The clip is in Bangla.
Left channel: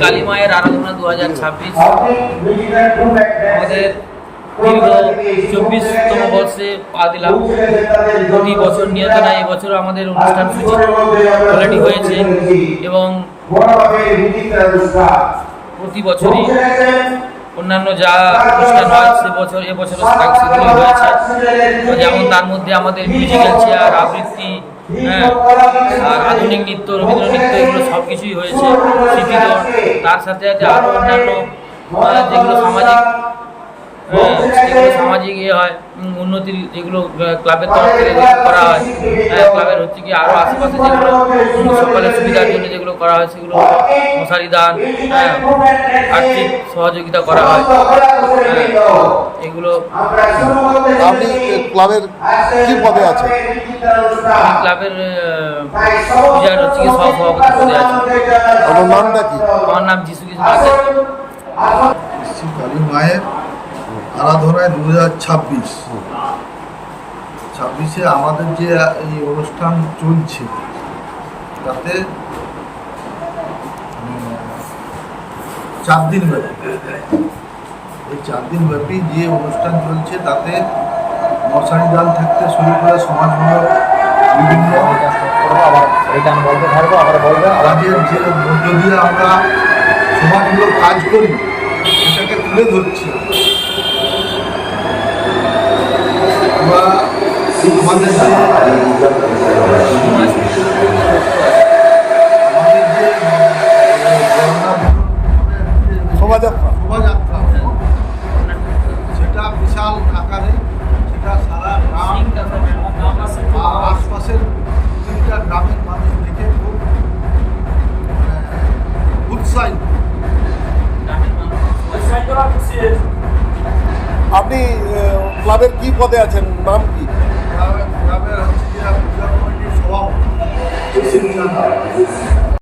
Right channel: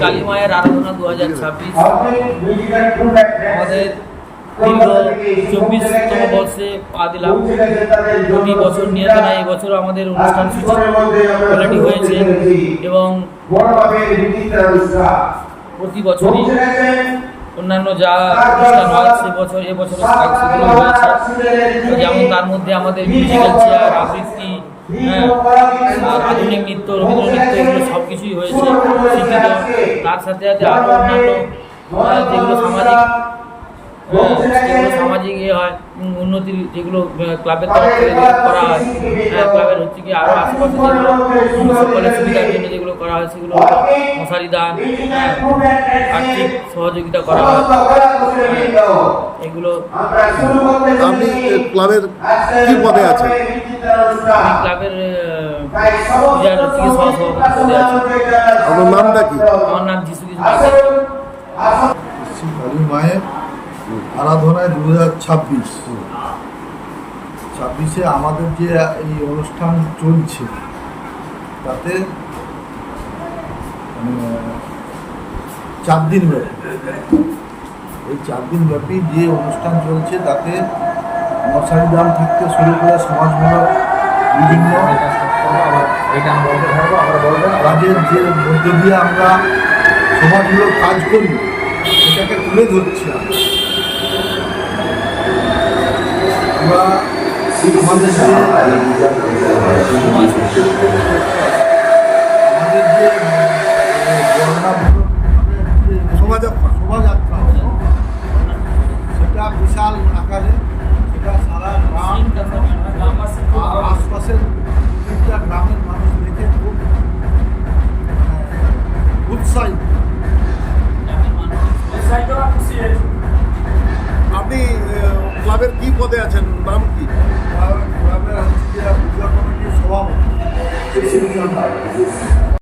কালী মায়ের আরাধনা 2026 আমাদের দীর্ঘ 24তম বর্ষে পা দিলাম। প্রতি বছর নিয়ত নয়, এবছরও আমাদের অনুষ্ঠান সূচি অলরেডি হয়েছে এবং প্রতি বছরই অন্যান্য যা অনুষ্ঠান হয় এবছরও সেগুলোই হয়েছে। যেমন তার মধ্যে আমাদের মিউজিক্যাল চেয়ার, আবৃত্তি, আর আধুনিক নৃত্য, রবীন্দ্র নৃত্য, এগুলো সব কিছুই হয়েছে স্মৃতিত। তার সাথে সাথে আরও অন্যান্য যেগুলো সামাজিক হয়, উন্নতির যেগুলো ক্লাবের তরফ থেকে করা হয়, ক্লাবের হচ্ছে কি আরও আশেপাশে যেগুলো সকলের সুবিধার জন্য যেগুলো করা হয়, সেগুলো মশারি দান, আর্থিক সহযোগিতা করা হয়, এগুলো। আপনি ক্লাবের কি পদে আছেন? ক্লাবের পূজার হচ্ছে কি সহসভাপতি পদে আছে। আপনার নামটা কি? আমার নাম যিশু কৃষ্ণ। শ্রী কালী মায়ের আরাধনায় 2026 আমাদের যে এই অনুষ্ঠান চলছে তাতে 4 দিন ব্যাপী, এই 4 দিন ব্যাপী যে অনুষ্ঠান চলছে তাতে মশারি দান থাকতে শুরু করে সমাজমূলক বিভিন্ন কাজের যে মধ্য দিয়ে আমরা সমাজমূলক কাজ করি সেটাকে তুলে ধরছি। আমরা আমাদের যে শোভাযাত্রা হলো সেটা বিশাল আকারে, সেটা সারা গ্রাম বা আশপাশের 3টা গ্রামের মানুষ দেখে খুব উৎসাহিত। আপনি ক্লাবের কি পদে আছেন? নাম কি? ক্লাবের হচ্ছে পূজা কমিটির সভাপতি।